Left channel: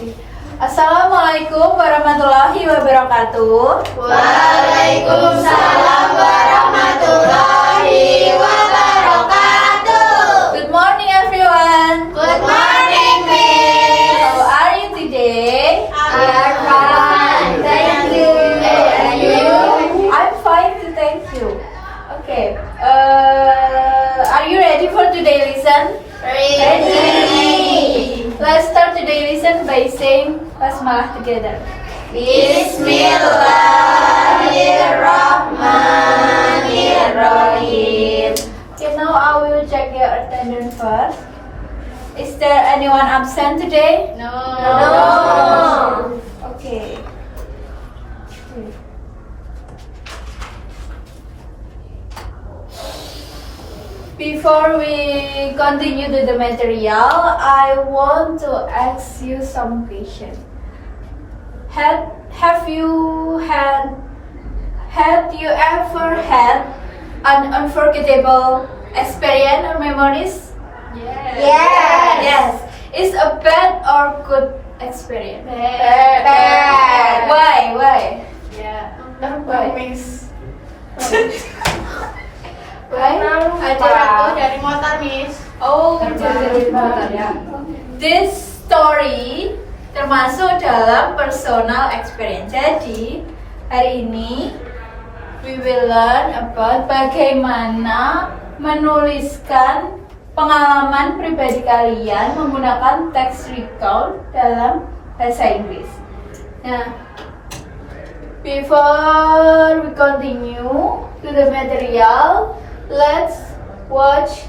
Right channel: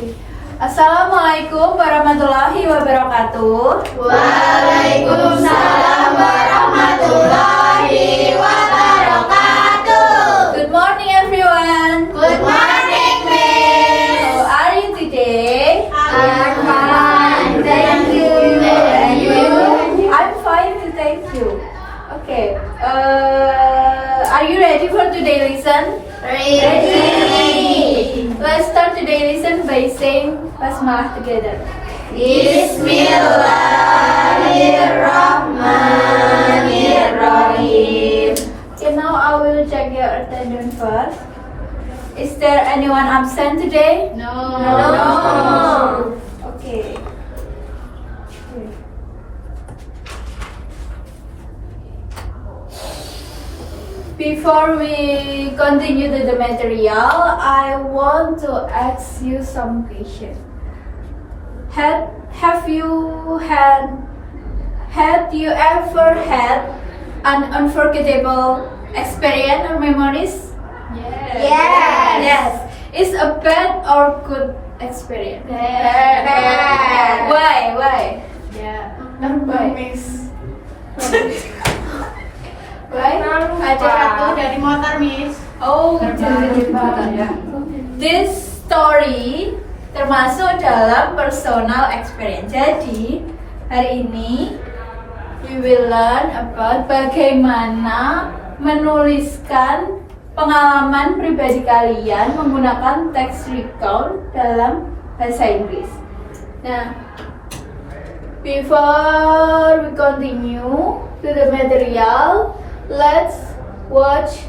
Assalamualaikum warahmatullahi wabarakatuh. Waalaikumsalam warahmatullahi wabarakatuh. Good morning, everyone. Good morning, Miss. How are you today? We are fine. Thank you. And you? I'm fine too, thank you. Okay. Are you ready for today's lesson? Ready. Let's start today's lesson by saying basmalah together. Bismillahirrahmanirrahim. Okay, now I will check your attendance first. Is there anyone absent today? No. Okay. Before we continue to the material, I want to ask you some questions. Have you ever had an unforgettable experience or memories? Yes. Is a bad or good experience? Bad. Why? Ya, Why? Miss. Why? Ada jatuh dari motor, Miss. Oh, dari motor ya. This story termasuk dalam personal experience. Jadi, hari ini we will learn about bagaimana menuliskan pengalaman pribadi kalian menggunakan text recount dalam bahasa Inggris. Nah, before we continue to the material, let's watch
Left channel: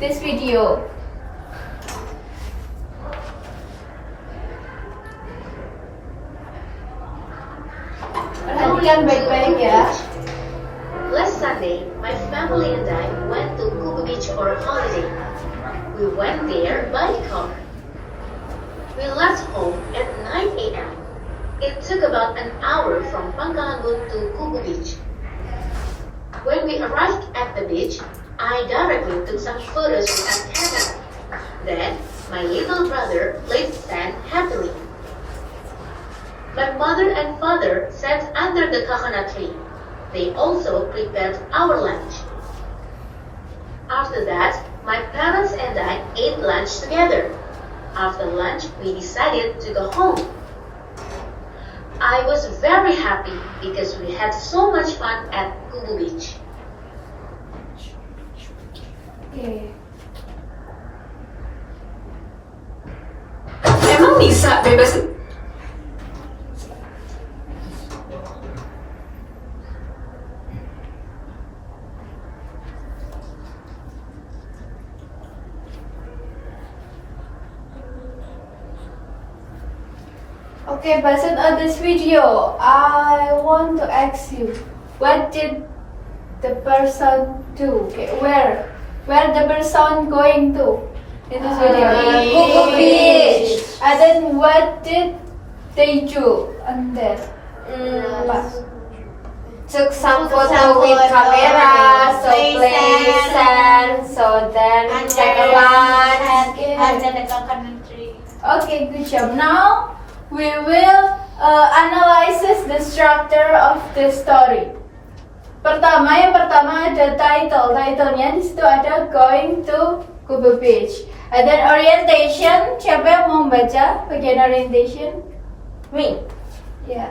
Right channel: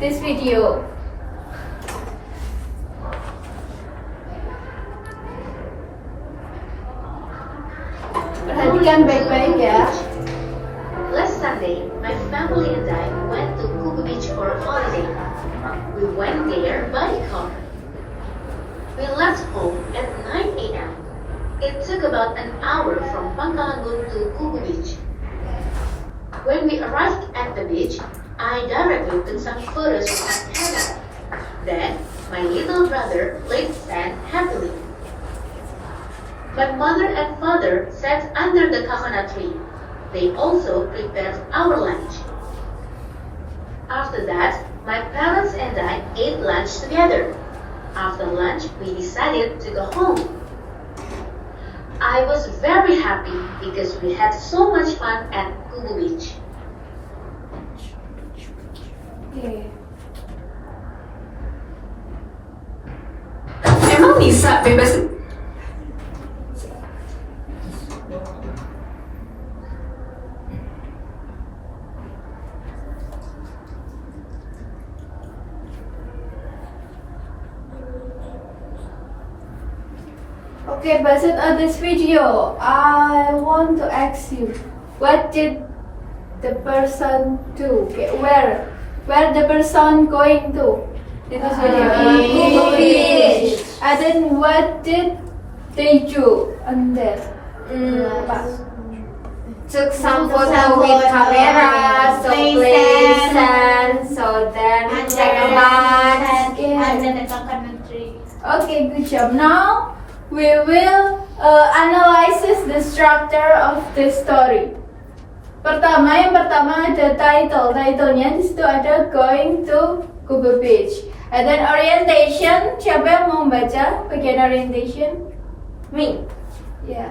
this video. Perhatikan baik-baik ya. Last Sunday, my family and I went to Kubu Beach for a holiday. We went there by car. We left home at 9 a.m. It took about an hour from Pangkalanggun to Kubu Beach. When we arrived at the beach, I directly took some photos with my camera. Then, my little brother played sand happily. My mother and father sat under the coconut tree. They also prepared our lunch. After that, my parents and I ate lunch together. After lunch, we decided to go home. I was very happy because we had so much fun at Kubu Beach. Emang bisa bebasin? Okay, based on this video, I want to ask you, what did the person do? Okay, where the person going to in this video? Kubu Beach. And then what did they do on that? Took some photo with camera, so play sand, so then check a lunch. Okay. Okay, good job. Now we will analyze the structure of the story. Yang pertama ada title. Titlenya di situ ada Going to Kubu Beach. And then orientation. Siapa yang mau membaca bagian orientation? Me. Ya.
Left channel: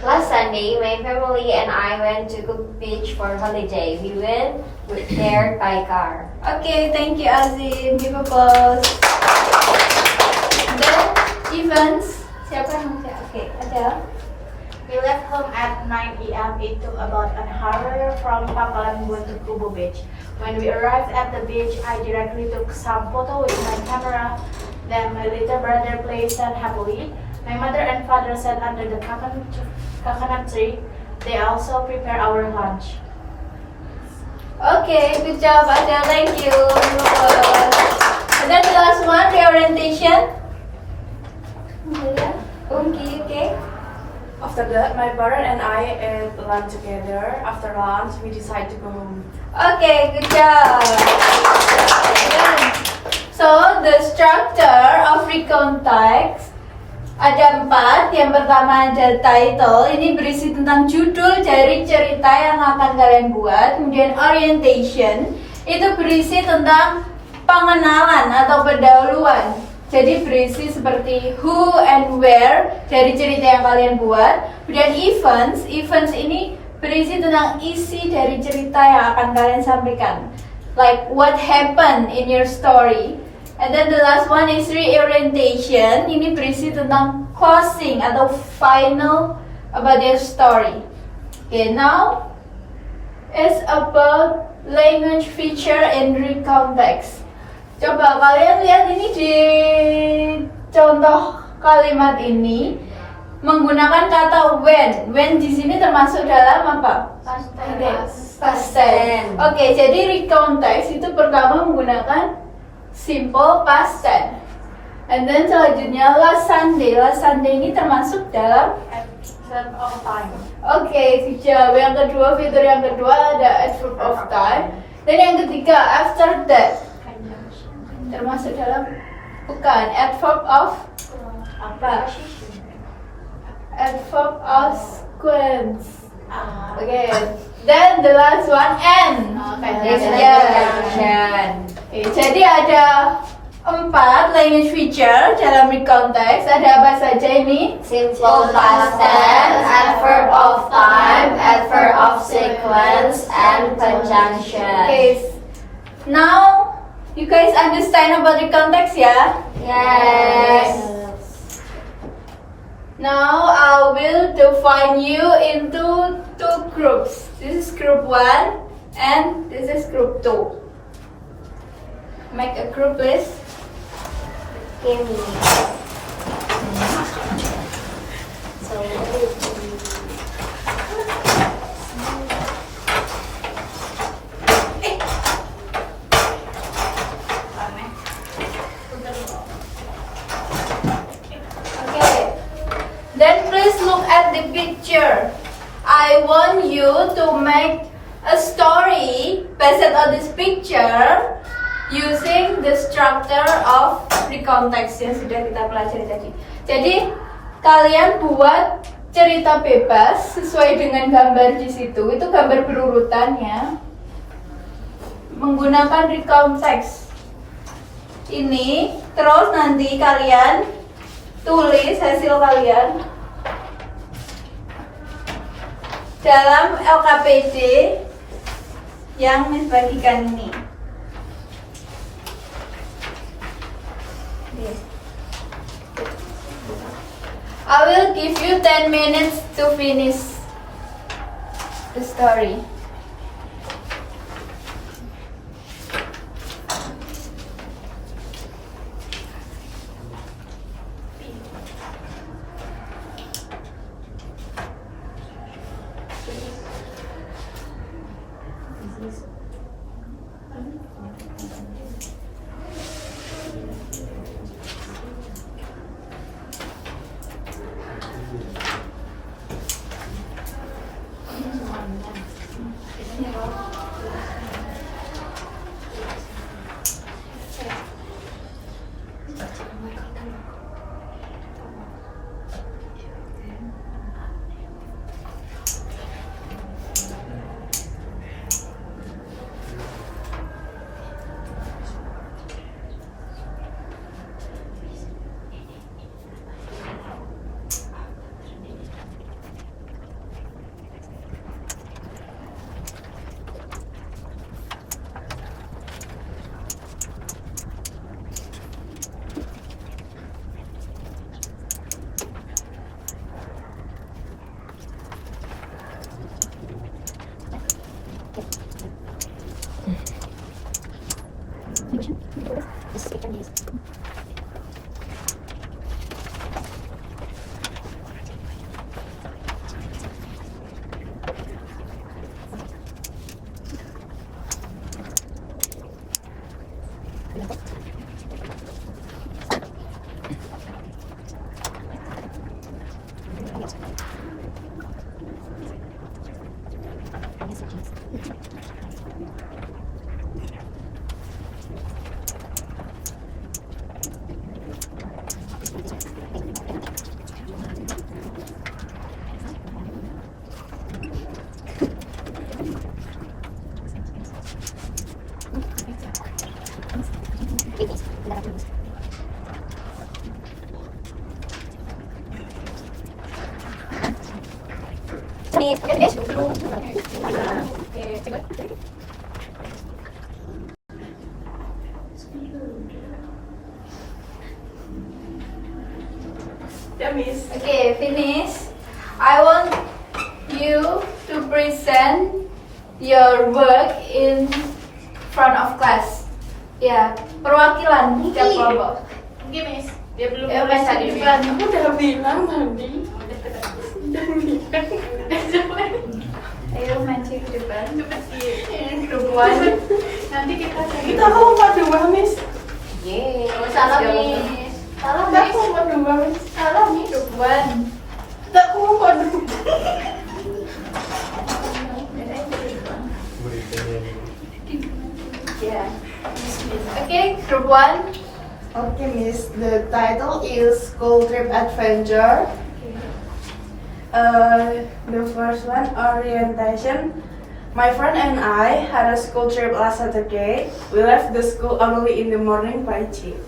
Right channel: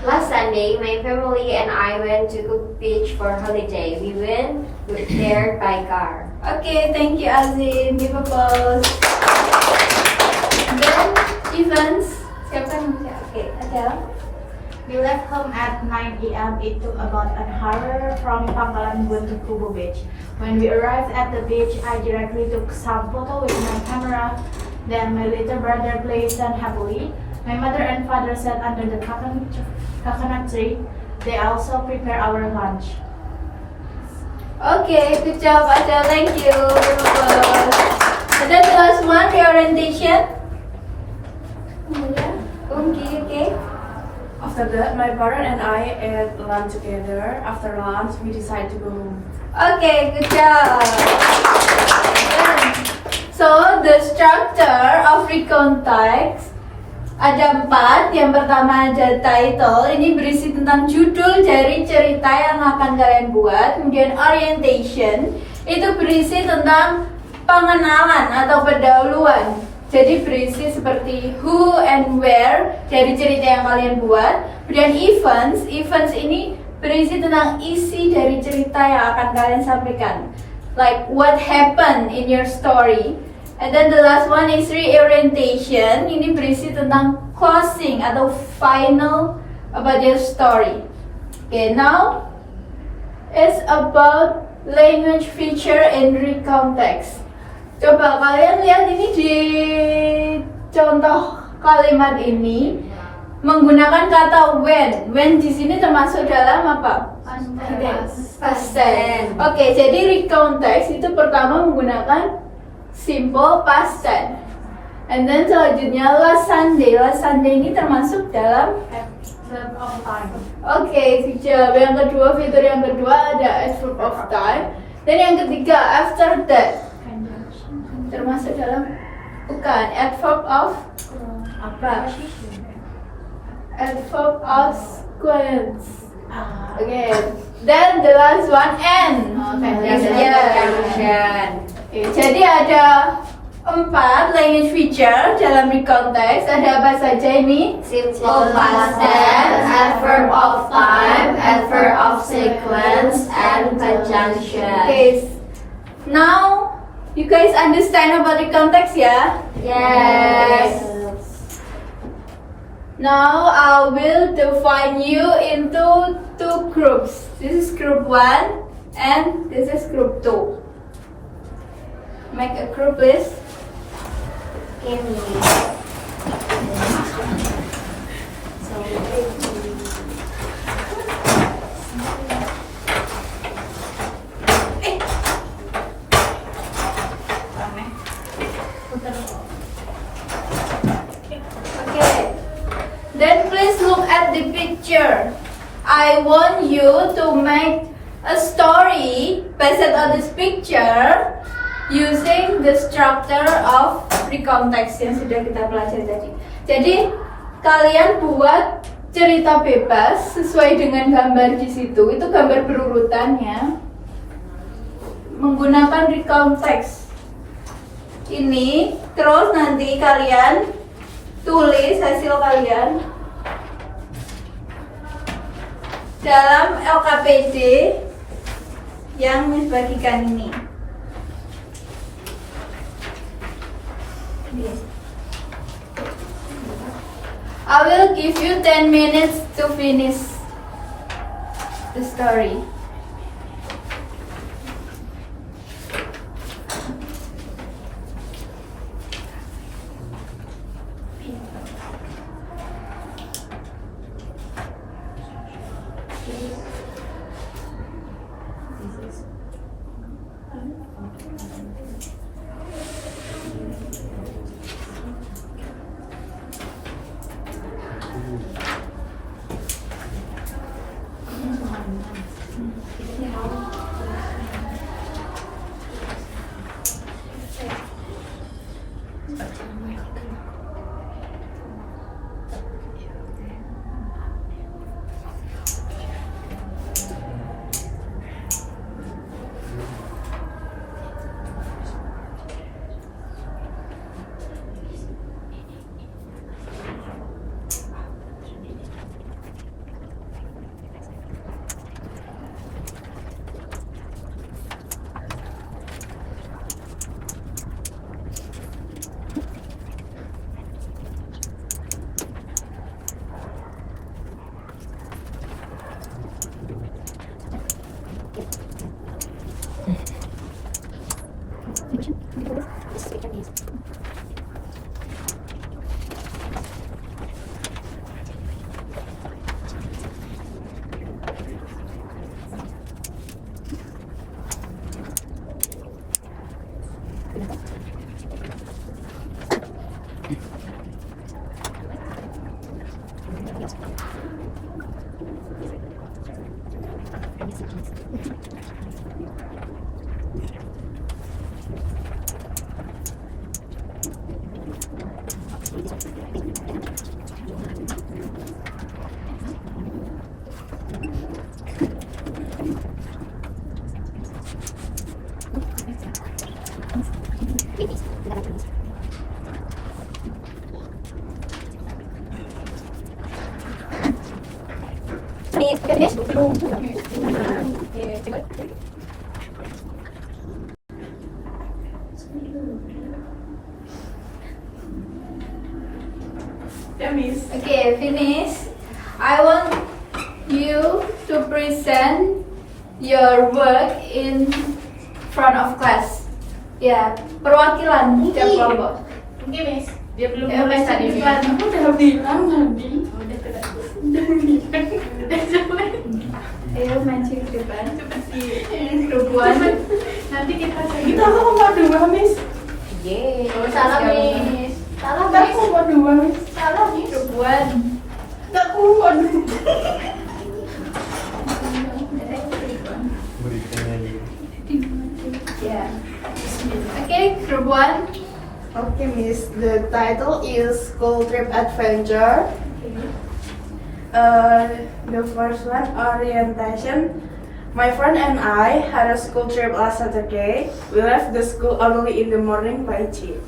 Last Sunday, my family and I went to Kubu Beach for holiday. We went there by car. Okay, thank you Azim. Give applause. And then events. Siapa yang mau baca? Okay, ada. We left home at 9 a.m. It took about an hour from Pangkalanggun to Kubu Beach. When we arrived at the beach, I directly took some photo with my camera. Then my little brother played sand happily. My mother and father sat under the coconut tree. They also prepare our lunch. Okay, good job Adele. Thank you. And then the last one, the orientation. Okay. After that, my parent and I ate lunch together. After lunch, we decided to go home. Okay, good job. So the structure of recount text Ada 4. Yang pertama ada title, ini berisi tentang judul dari cerita yang akan kalian buat. Kemudian orientation, itu berisi tentang pengenalan atau pendahuluan. Jadi berisi seperti who and where dari cerita yang kalian buat. Kemudian events ini berisi tentang isi dari cerita yang akan kalian sampaikan. Like what happened in your story. And then the last one is reorientation. Ini berisi tentang closing atau final about your story. Okay, now it's about language feature and recontext. Coba kalian lihat ini di contoh kalimat ini menggunakan kata when. When di sini termasuk dalam apa? Past tense. Oke, jadi recontext itu pertama menggunakan simple past tense. And then selanjutnya last Sunday. Last Sunday ini termasuk dalam Verb of time. Oke, fitur yang kedua ada adverb of time. Dan yang ketiga after that. Termasuk dalam bukan adverb of apa? Adverb of sequence. Okay. Then the last one and. Okay, jadi ada 4 language feature dalam recontext. Ada apa saja ini? Simple past tense, adverb of time, adverb of sequence, and conjunction. Okay. Now you guys understand about recontext ya? Yes. Now I will define you into 2 groups. This is group 1 and this is group 2. Make a group list. Okay. Then please look at the picture. I want you to make a story based on this picture using the structure of recontext yang sudah kita pelajari tadi. Jadi kalian buat cerita bebas sesuai dengan gambar di situ. Itu gambar berurutannya menggunakan recontext ini. Terus nanti kalian tulis hasil kalian dalam LKPD yang membagikan ini. I will give you 10 minutes to finish the story. Yeah, Miss. Okay, finish. I want you to present your work in front of class. Ya, perwakilan setiap kelompok. Oke, Miss. Dia belum Ya, nulis maju tadi, Miss. depan. Aku udah bilang tadi. Ayo maju ke depan. Cepet sih. Grup one. Nanti kita Kita mau dua, Miss. Yeay. Salah, Siapa? Miss. Salah, Kita Miss. mau dua, Miss. Salah, Miss. Grup one. Aku mau dua. Ya. Okay, group one. Okay, Miss. The title is School Trip Adventure. The first one, orientation. My friend and I had a school trip last Saturday. We left the school early in the morning by jeep.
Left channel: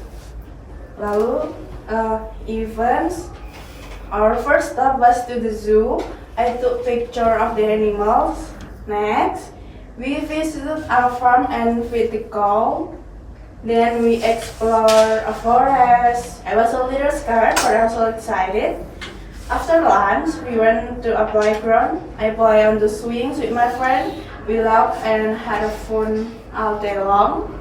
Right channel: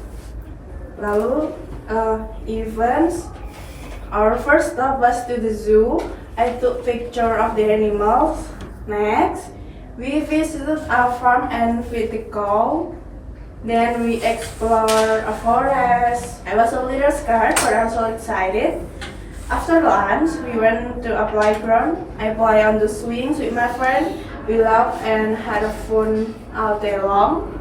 Lalu, events. Our first stop was to the zoo. I took picture of the animals. Next, we visited a farm and fed the cow. Then we explored a forest. I was a little scared, but I was so excited. After lunch, we went to a playground. I played on the swings with my friend. We laughed and had a fun all day long.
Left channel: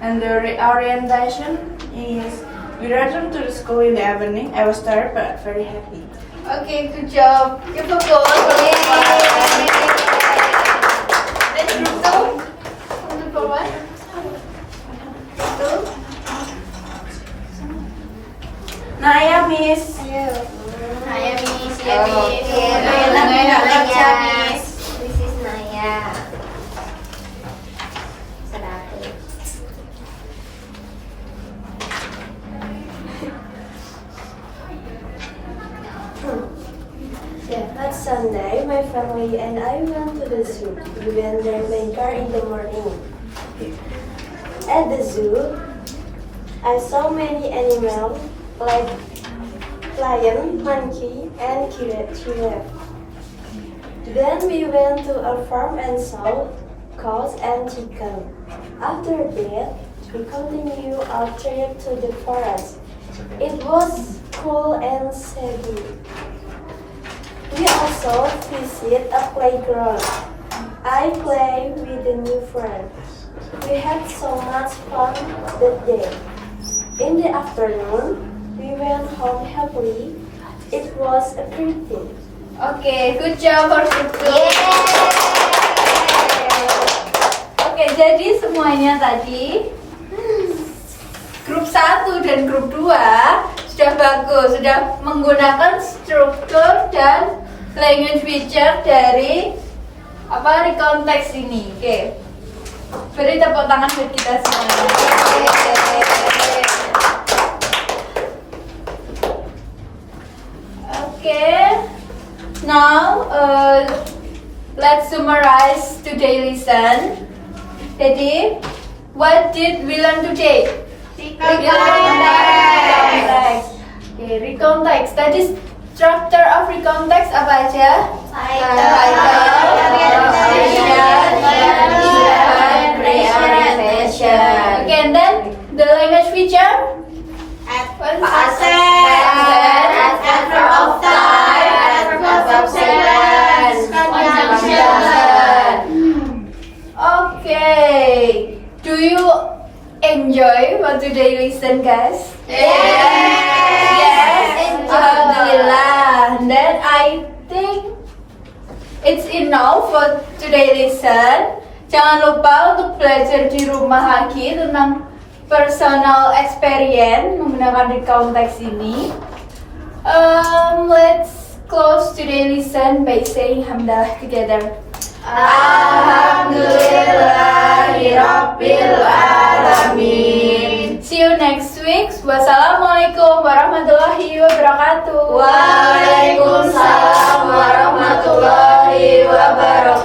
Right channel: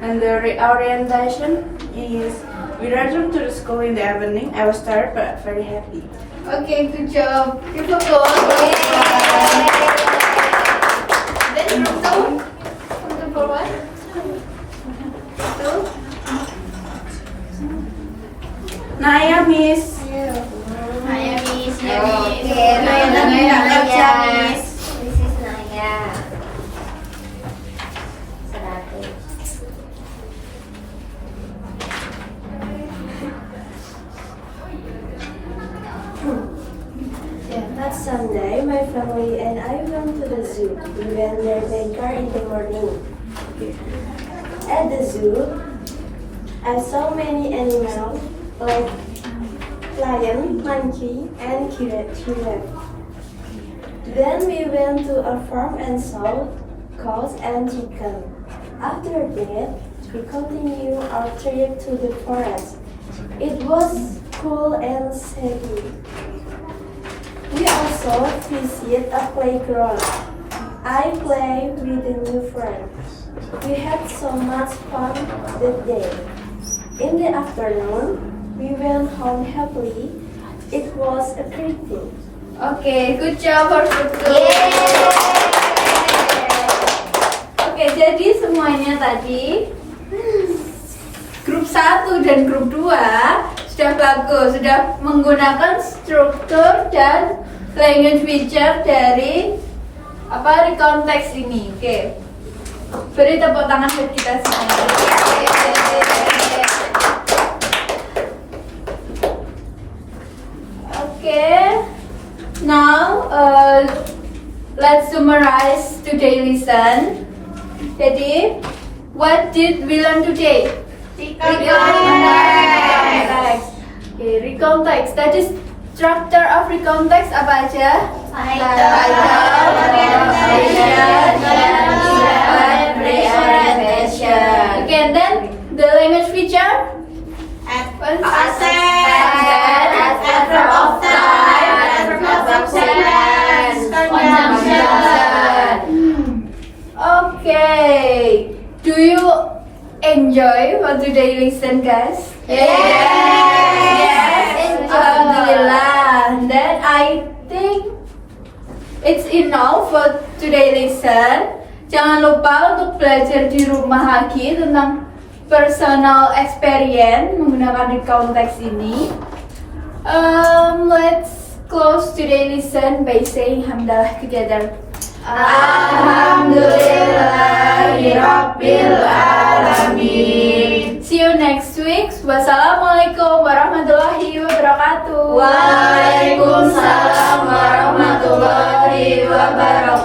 And the orientation is we returned to the school in the evening. I was tired but very happy. Okay, good job. Give a go. Then group two. Group one. Two. Naya, Miss. Naya, Miss. Ya, Oke, Miss. Naya, nggak kerja, Miss. This is Naya. 100. Last Sunday, my family and I went to the zoo. We went there by car in the morning. At the zoo, I saw many animals like lion, monkey, and giraffe. Then we went to a farm and saw cows and chicken. After that, we continued our trip to the forest. It was cool and shady. We also visit a playground. I played with the new friends. We had so much fun that day. In the afternoon, we went home happily. It was a great day. Okay, good job for group two. Oke, jadi semuanya tadi grup 1 dan grup 2 sudah bagus, sudah menggunakan struktur dan language feature dari recount text ini. Oke. Beri tepuk tangan buat kita semua. Okay. Now let's summarize today's lesson. Jadi, what did we learn today? Recontext. Okay, recontext. Tadi structure of recontext apa aja? Reorientation. Okay, and then the language feature? Adverb of time, adverb of sequence, conjunction. Okay. Do you enjoy what today listen, guys? Alhamdulillah. Then I think it's enough for today listen. Jangan lupa untuk belajar di rumah lagi tentang personal experience menggunakan recount text ini. Let's close today listen by saying hamdalah together. Alhamdulillahirabbil alamin. See you next week. Wassalamualaikum warahmatullahi wabarakatuh. Waalaikumsalam warahmatullahi wabarakatuh.